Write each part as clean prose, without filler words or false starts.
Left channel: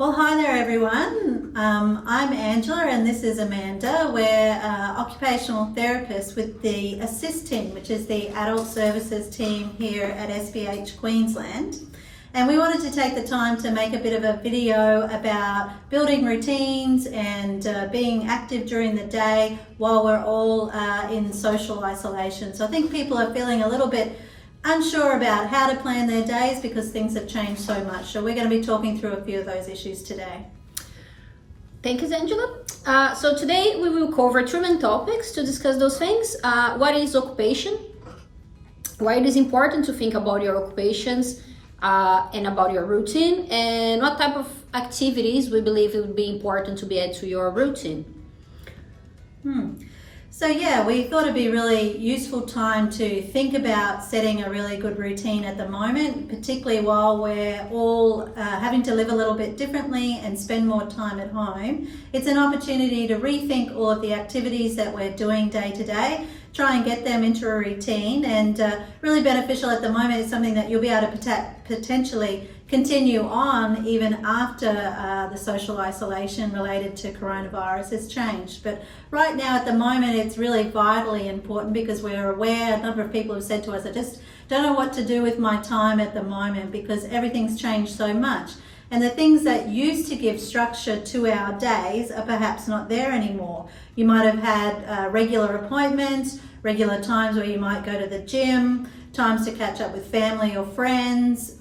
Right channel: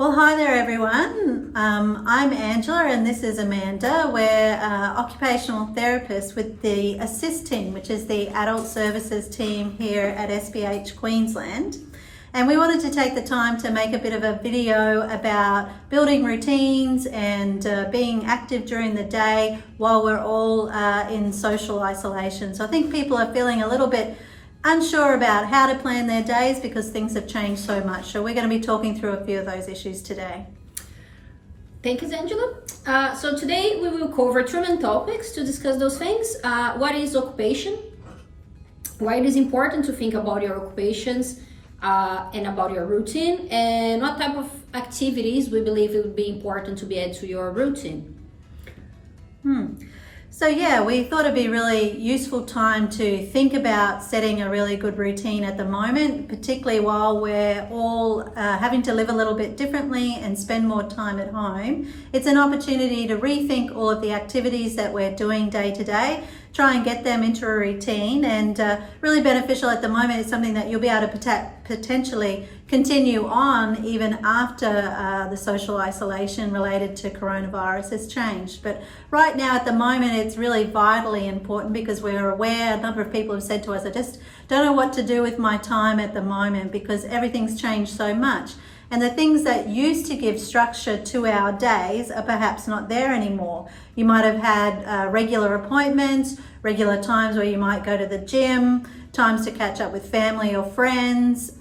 Well, hi there everyone. I'm Angela and this is Amanda. We're occupational therapists with the ASSIST team, which is the adult services team here at SBH Queensland. And we wanted to take the time to make a bit of a video about building routines and being active during the day while we're all in social isolation. So I think people are feeling a little bit unsure about how to plan their days because things have changed so much. So we're going to be talking through a few of those issues today. Thank you, Angela. So today we will cover three main topics to discuss those things. What is occupation? Why it is important to think about your occupations and about your routine, and what type of activities we believe it would be important to be added to your routine. So yeah, we thought it'd be really useful time to think about setting a really good routine at the moment, particularly while we're all having to live a little bit differently and spend more time at home. It's an opportunity to rethink all of the activities that we're doing day to day, try and get them into a routine, and really beneficial at the moment is something that you'll be able to potentially continue on even after the social isolation related to coronavirus has changed. But right now at the moment it's really vitally important because we're aware, a number of people have said to us, I just don't know what to do with my time at the moment because everything's changed so much. And the things that used to give structure to our days are perhaps not there anymore. You might have had regular appointments, regular times where you might go to the gym, times to catch up with family or friends,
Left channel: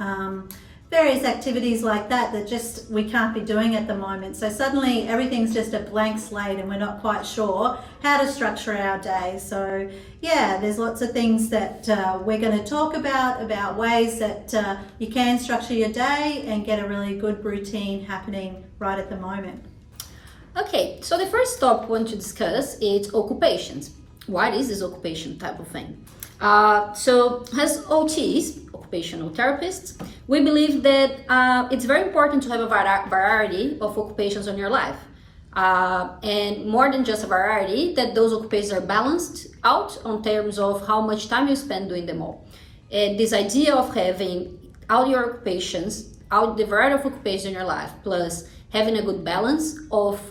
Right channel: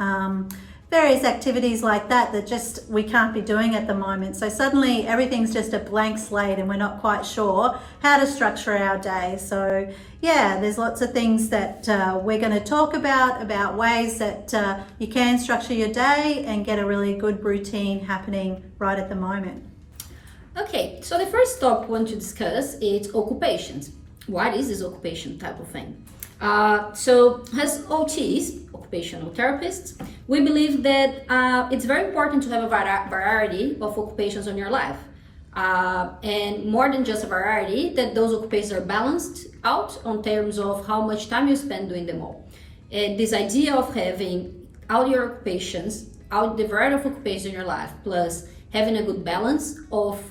various activities like that that just we can't be doing at the moment. So suddenly everything's just a blank slate and we're not quite sure how to structure our day. So yeah, there's lots of things that we're going to talk about ways that you can structure your day and get a really good routine happening right at the moment. Okay, so the first topic we want to discuss is occupations. What is this occupation type of thing? So as OTs, occupational therapists, we believe that it's very important to have a variety of occupations in your life. And more than just a variety, that those occupations are balanced out on terms of how much time you spend doing them all. And this idea of having all your occupations, all the variety of occupations in your life, plus having a good balance of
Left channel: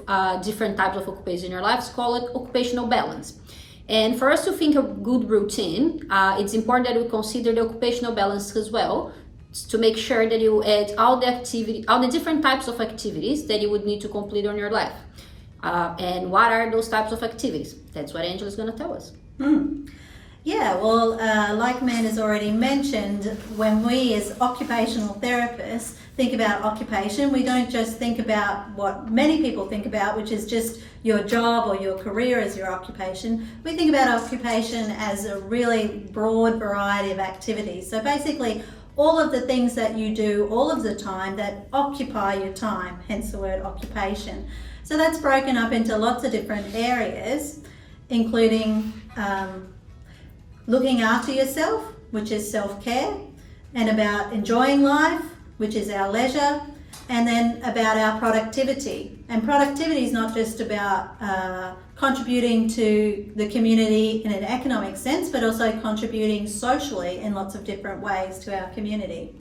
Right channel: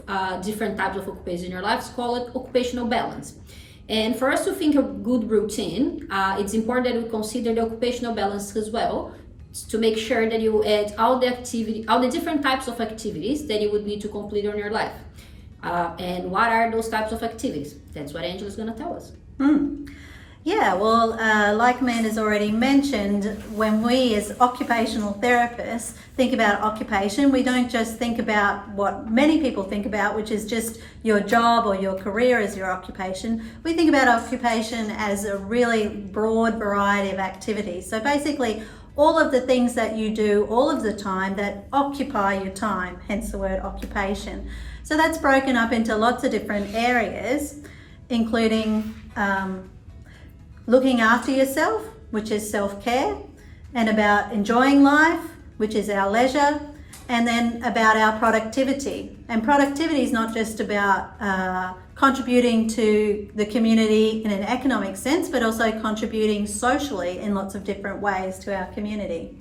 different types of occupations in your life is called occupational balance. And for us to think of good routine, it's important that we consider the occupational balance as well, to make sure that you add all the different types of activities that you would need to complete on your life. And what are those types of activities? That's what Angela's going to tell us. Yeah, well, like Amanda's already mentioned, when we as occupational therapists think about occupation, we don't just think about what many people think about, which is just your job or your career as your occupation. We think about occupation as a really broad variety of activities. So basically, all of the things that you do all of the time that occupy your time, hence the word occupation. So that's broken up into lots of different areas, including looking after yourself, which is self-care, and about enjoying life, which is our leisure, and then about our productivity. And productivity is not just about contributing to the community in an economic sense, but also contributing socially in lots of different ways to our community.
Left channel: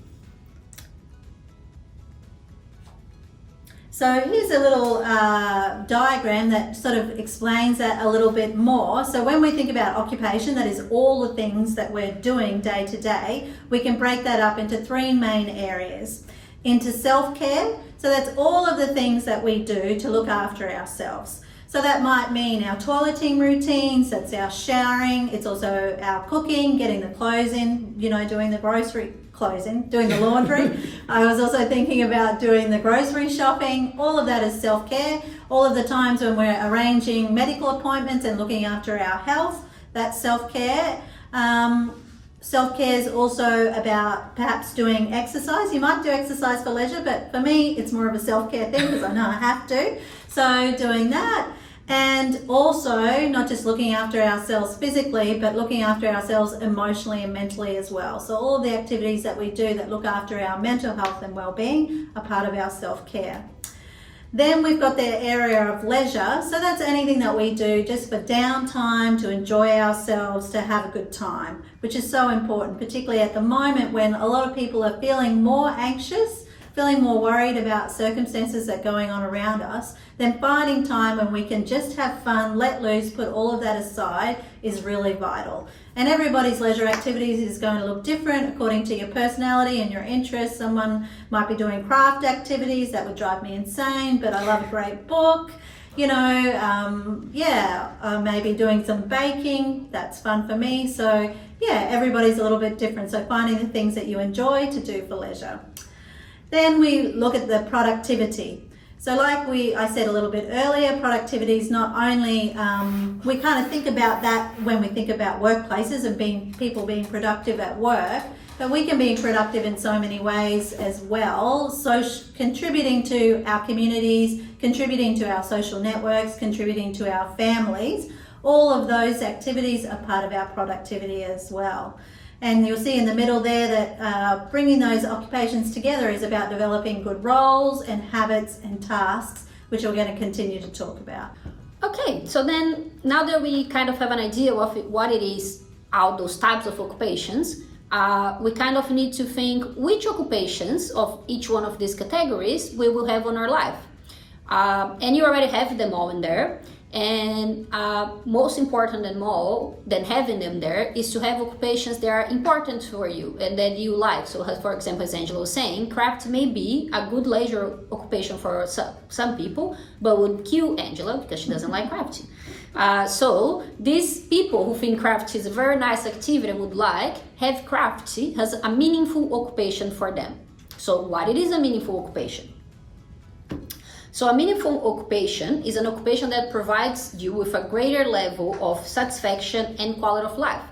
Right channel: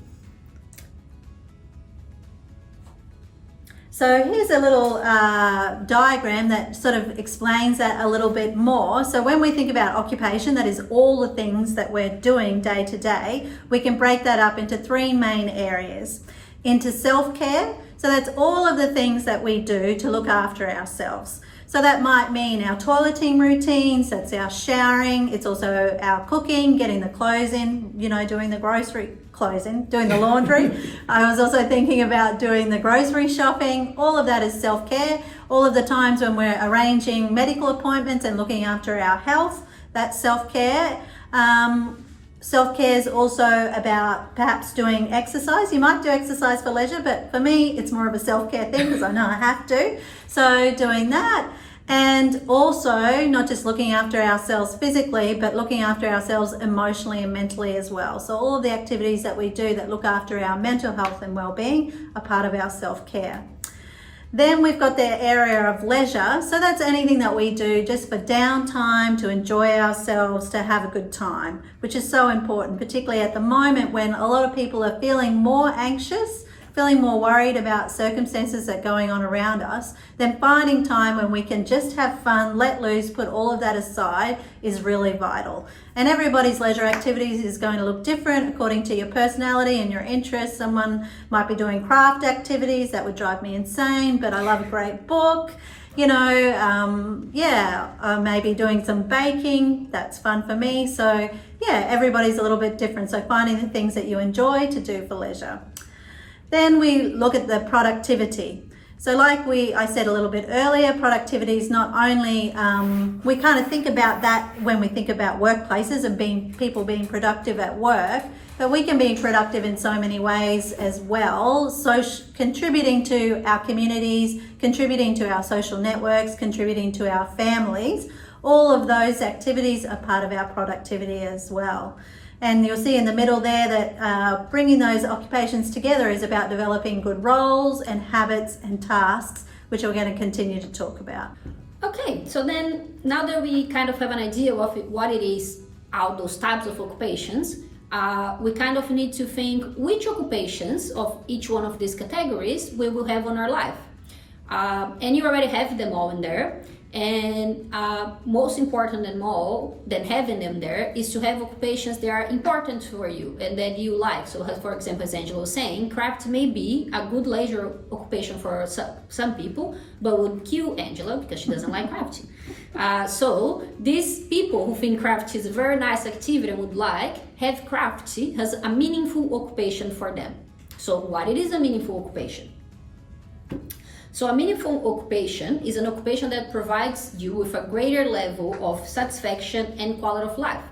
So here's a little diagram that sort of explains that a little bit more. So when we think about occupation, that is all the things that we're doing day to day, we can break that up into three main areas. Into self-care, so that's all of the things that we do to look after ourselves. So that might mean our toileting routines, that's our showering, it's also our cooking, getting the clothes in, doing the doing the laundry. I was also thinking about doing the grocery shopping. All of that is self-care. All of the times when we're arranging medical appointments and looking after our health, that's self-care. Self-care is also about perhaps doing exercise. You might do exercise for leisure, but for me, it's more of a self-care thing because I know I have to. So doing that, and also not just looking after ourselves physically, but looking after ourselves emotionally and mentally as well. So all of the activities that we do that look after our mental health and well-being are part of our self-care. Then we've got the area of leisure. So that's anything that we do just for downtime, to enjoy ourselves, to have a good time, which is so important, particularly at the moment when a lot of people are feeling more anxious feeling more worried about circumstances that are going on around us, then finding time when we can just have fun, let loose, put all of that aside is really vital. And everybody's leisure activities is going to look different according to your personality and your interests. Someone might be doing craft activities, that would drive me insane, but I love a great book. Maybe doing some baking, that's fun for me. So yeah, everybody's a little bit different. So finding the things that you enjoy to do for leisure. Then we look at the productivity. So like I said a little bit earlier, productivity is not only, we kind of think about that when we think about workplaces and people being productive at work, but we can be productive in so many ways as well. So contributing to our communities, contributing to our social networks, contributing to our families, all of those activities are part of our productivity as well. And you'll see in the middle there that bringing those occupations together is about developing good roles and habits and tasks, which we're going to continue to talk about. Okay, so then now that we kind of have an idea of what it is, all those types of occupations, we kind of need to think which occupations of each one of these categories we will have on our life. And you already have them all in there. And most important than having them there is to have occupations that are important for you and that you like. So for example, as Angela was saying, craft may be a good leisure occupation for some people, but would kill Angela because she doesn't like crafting. So these people who think craft is a very nice activity and would have craft as a meaningful occupation for them. So what it is a meaningful occupation? So a meaningful occupation is an occupation that provides you with a greater level of satisfaction and quality of life.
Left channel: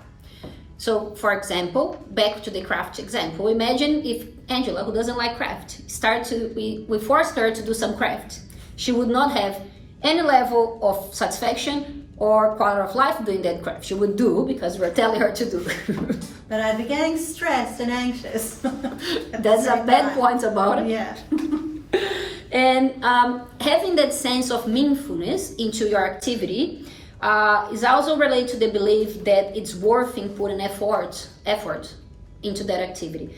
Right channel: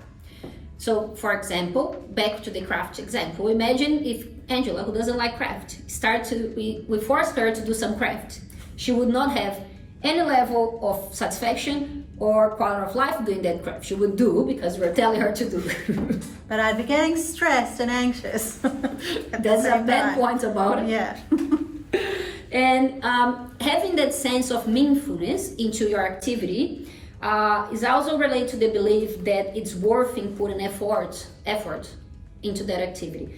So for example, back to the craft example, imagine if Angela, who doesn't like craft, we force her to do some craft. She would not have any level of satisfaction or quality of life doing that craft. She would do because we're telling her to do. But I'd be getting stressed and anxious. That's a bad point about it. Yeah. And having that sense of meaningfulness into your activity is also related to the belief that it's worth putting effort into that activity.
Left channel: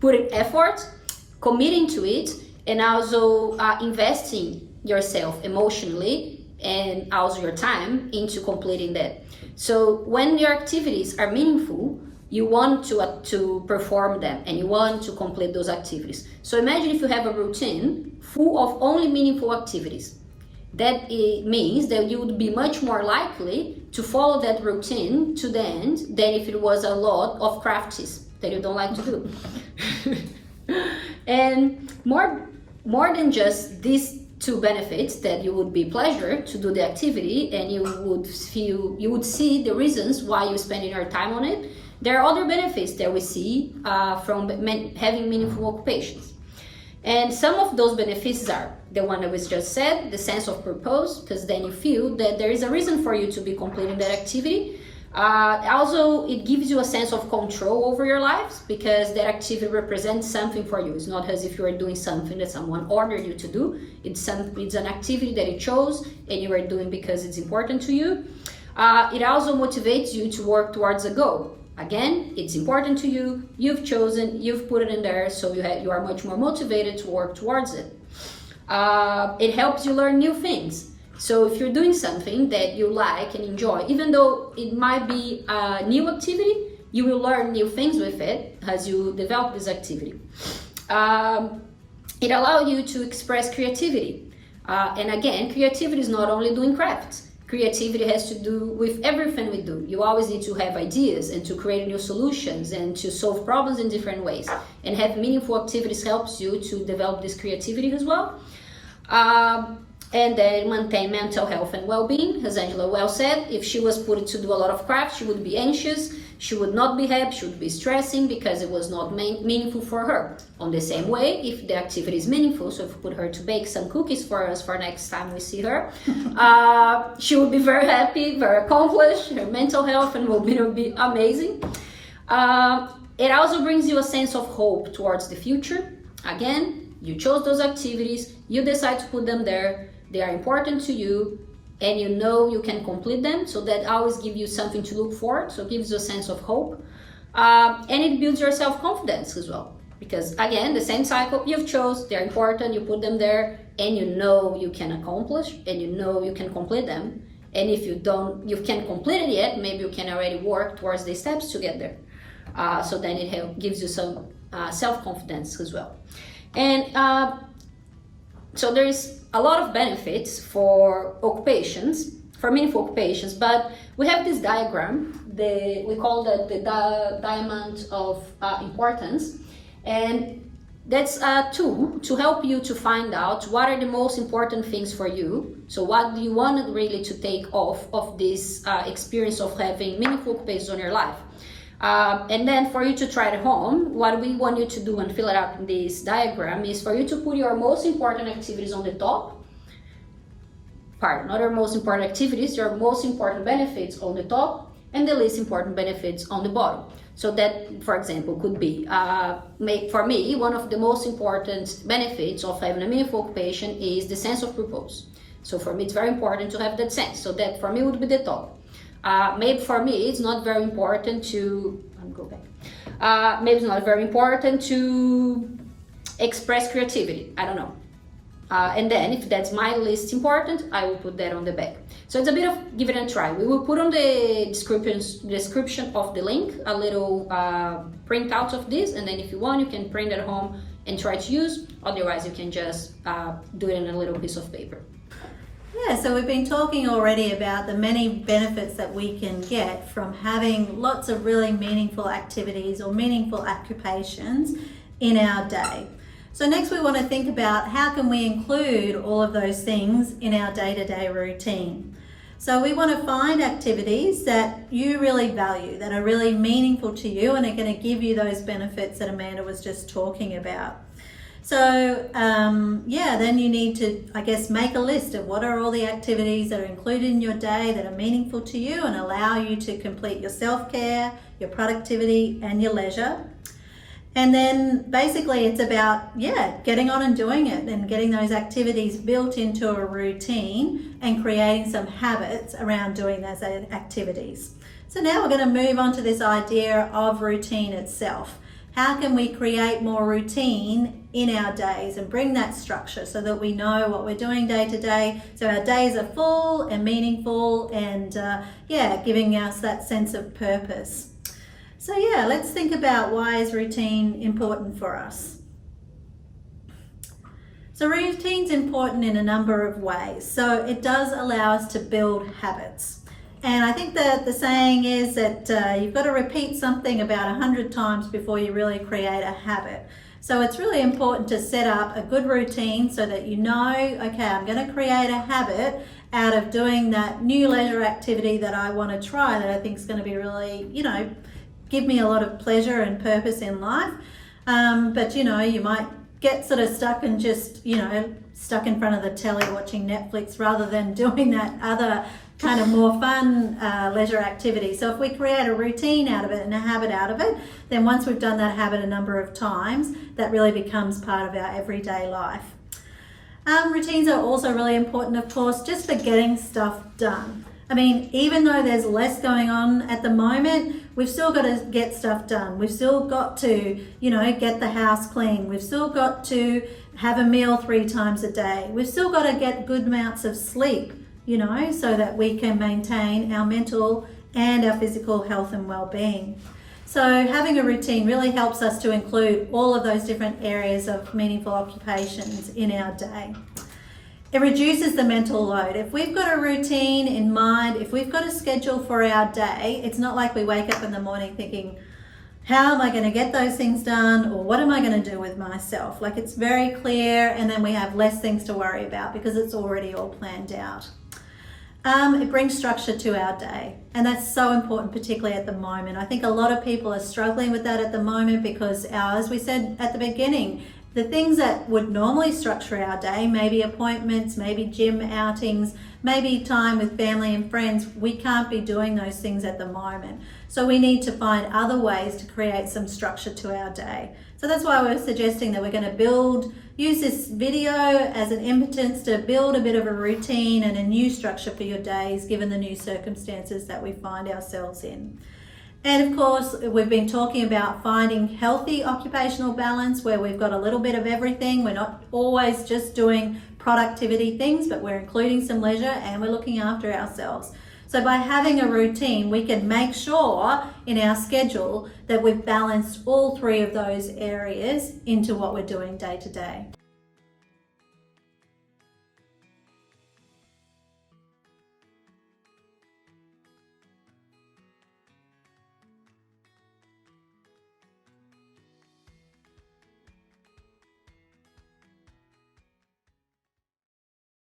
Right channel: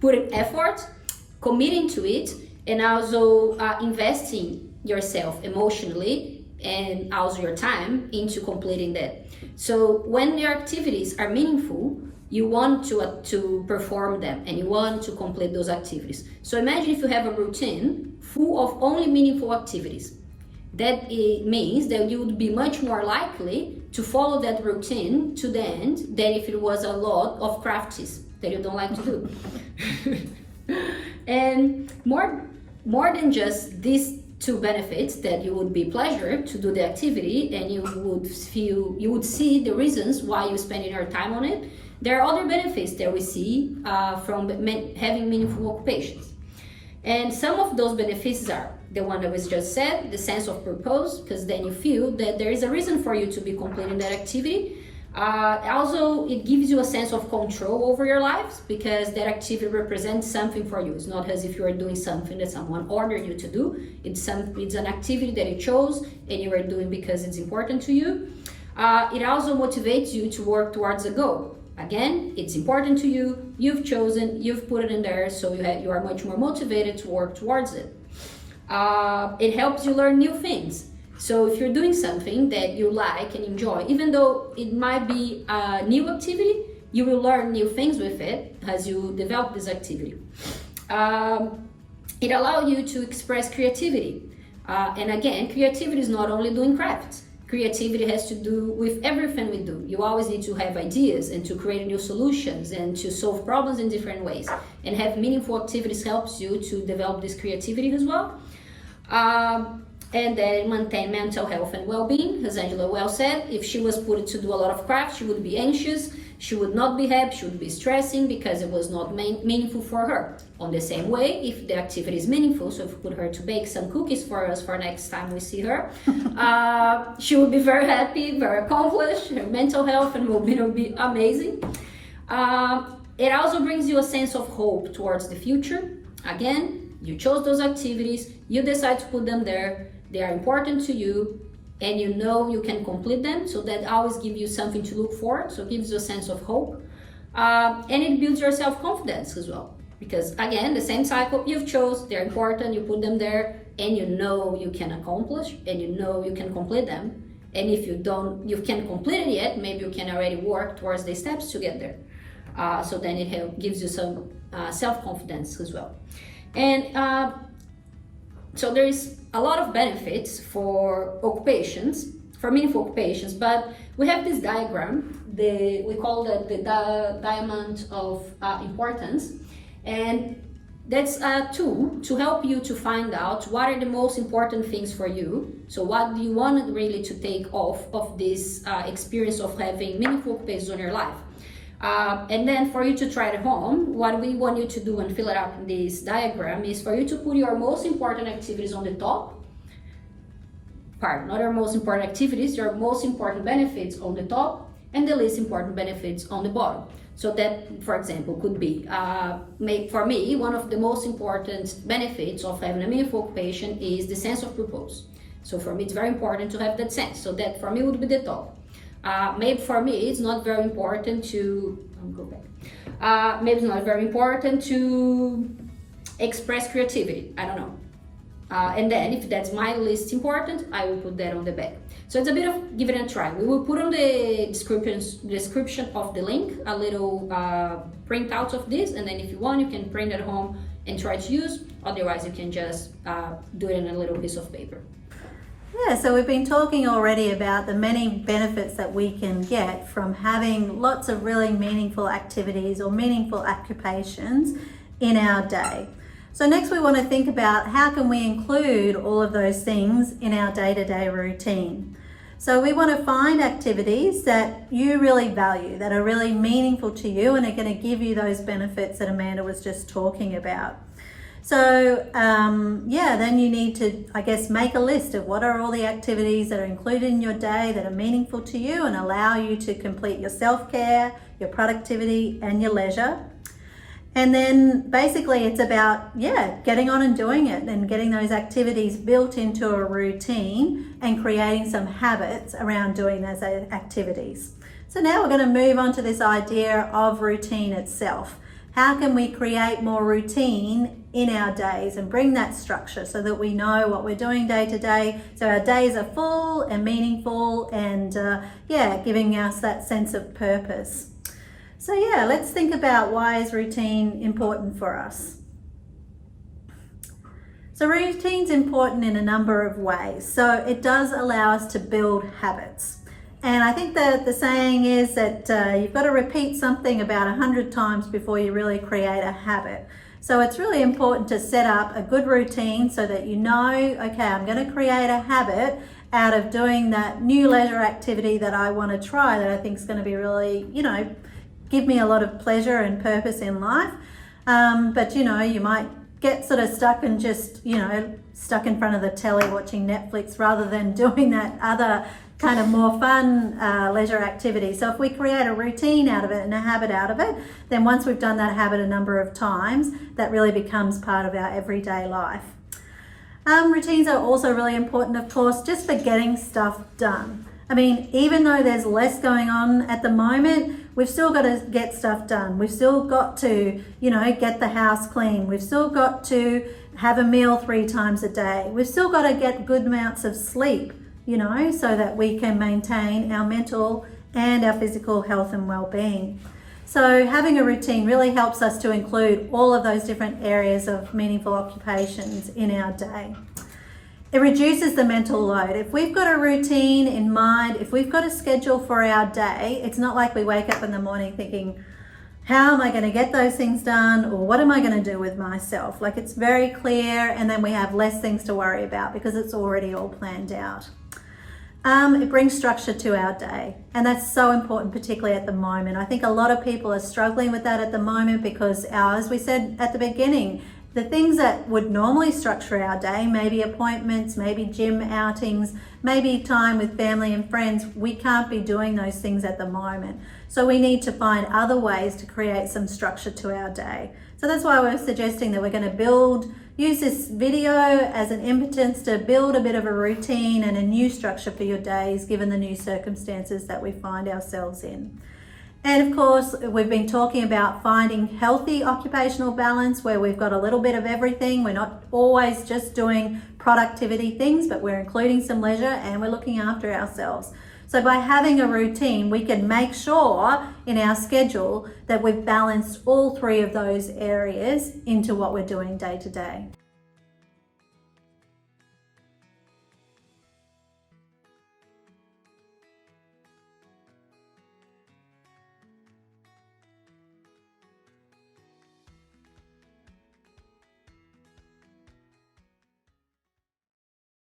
Putting effort, committing to it, and also investing yourself emotionally and also your time into completing that. So when your activities are meaningful, you want to perform them and you want to complete those activities. So imagine if you have a routine full of only meaningful activities. That it means that you would be much more likely to follow that routine to the end than if it was a lot of crafties that you don't like to do. And more than just these two benefits, that you would be pleasure to do the activity and you would see the reasons why you're spending your time on it. There are other benefits that we see from having meaningful occupations. And some of those benefits are the one that was just said, the sense of purpose, because then you feel that there is a reason for you to be completing that activity. Also, it gives you a sense of control over your lives because that activity represents something for you. It's not as if you are doing something that someone ordered you to do. It's an activity that you chose and you are doing because it's important to you. It also motivates you to work towards a goal. Again, it's important to you, you've chosen, you've put it in there, so you are much more motivated to work towards it. It helps you learn new things. So if you're doing something that you like and enjoy, even though it might be a new activity, you will learn new things with it as you develop this activity. It allows you to express creativity. And again, creativity is not only doing crafts. Creativity has to do with everything we do. You always need to have ideas and to create new solutions and to solve problems in different ways. And have meaningful activities helps you to develop this creativity as well. And then maintain mental health and well-being. As Angela well said, if she was put to do a lot of craft, she would be anxious, she would not be happy, she would be stressing because it was not meaningful for her. On the same way, if the activity is meaningful, so if we put her to bake some cookies for us for next time we see her, she would be very happy, very accomplished, her mental health and well-being will be amazing. It also brings you a sense of hope towards the future. Again, you chose those activities, you decide to put them there, they are important to you, and you know you can complete them, so that always gives you something to look for, so it gives you a sense of hope. And it builds your self-confidence as well. Because again, the same cycle you've chose, they're important, you put them there, and you know you can accomplish, and you know you can complete them. And if you can't complete it yet, maybe you can already work towards the steps to get there. So then it gives you some self-confidence as well. And so there is a lot of benefits for occupations, for meaningful occupations, but we have this diagram, we call that the diamond of importance, and that's a tool to help you to find out what are the most important things for you. So what do you want really to take off of this experience of having meaningful occupations on your life? And then for you to try it at home, what we want you to do and fill it out in this diagram is for you to put your most important activities on the top part, not your most important activities, your most important benefits on the top and the least important benefits on the bottom. So that, for example, could be, for me, one of the most important benefits of having a meaningful occupation is the sense of purpose. So for me, it's very important to have that sense. So that for me would be the top. Maybe for me, it's not very important to, maybe it's not very important to express creativity. I don't know. And then if that's my least important, I will put that on the back. So it's a bit of give it a try. We will put on the description of the link a little printout of this, and then if you want, you can print at home and try to use. Otherwise, you can just do it in a little piece of paper. Yeah, so we've been talking already about the many benefits that we can get from having lots of really meaningful activities or meaningful occupations in our day. So next we want to think about how can we include all of those things in our day-to-day routine. So we want to find activities that you really value, that are really meaningful to you and are going to give you those benefits that Amanda was just talking about. So then you need to, I guess, make a list of what are all the activities that are included in your day that are meaningful to you and allow you to complete your self-care, your productivity and your leisure. And then basically it's about, getting on and doing it and getting those activities built into a routine and creating some habits around doing those activities. So now we're going to move on to this idea of routine itself. How can we create more routine in our days and bring that structure so that we know what we're doing day to day, so our days are full and meaningful and giving us that sense of purpose. So let's think about why is routine important for us. So routine's important in a number of ways. So it does allow us to build habits. And I think that the saying is that you've got to repeat something about 100 times before you really create a habit. So it's really important to set up a good routine so that you know, okay, I'm going to create a habit out of doing that new leisure activity that I want to try that I think is going to be really, give me a lot of pleasure and purpose in life. But you might get sort of stuck and just, stuck in front of the telly watching Netflix rather than doing that other kind of more fun leisure activity. So if we create a routine out of it and a habit out of it, then once we've done that habit a number of times, that really becomes part of our everyday life. Routines are also really important, of course, just for getting stuff done. I mean, even though there's less going on at the moment, we've still got to get stuff done. We've still got to, get the house clean. We've still got to have a meal 3 times a day. We've still got to get good amounts of sleep, so that we can maintain our mental and our physical health and well-being. So having a routine really helps us to include all of those different areas of meaningful occupations in our day. It reduces the mental load. If we've got a routine in mind, if we've got a schedule for our day, it's not like we wake up in the morning thinking, how am I going to get those things done? Or what am I going to do with myself? Like, it's very clear, and then we have less things to worry about because it's already all planned out. It brings structure to our day, and that's so important, particularly at the moment. I think a lot of people are struggling with that at the moment because as we said at the beginning, the things that would normally structure our day, maybe appointments, maybe gym outings, maybe time with family and friends, we can't be doing those things at the moment. So we need to find other ways to create some structure to our day. So that's why we're suggesting that we're going to use this video as an impetus to build a bit of a routine and a new structure for your days, given the new circumstances that we find ourselves in. And of course, we've been talking about finding healthy occupational balance where we've got a little bit of everything. We're not always just doing productivity things, but we're including some leisure and we're looking after ourselves. So by having a routine, we can make sure in our schedule that we've balanced all three of those areas into what we're doing day to day.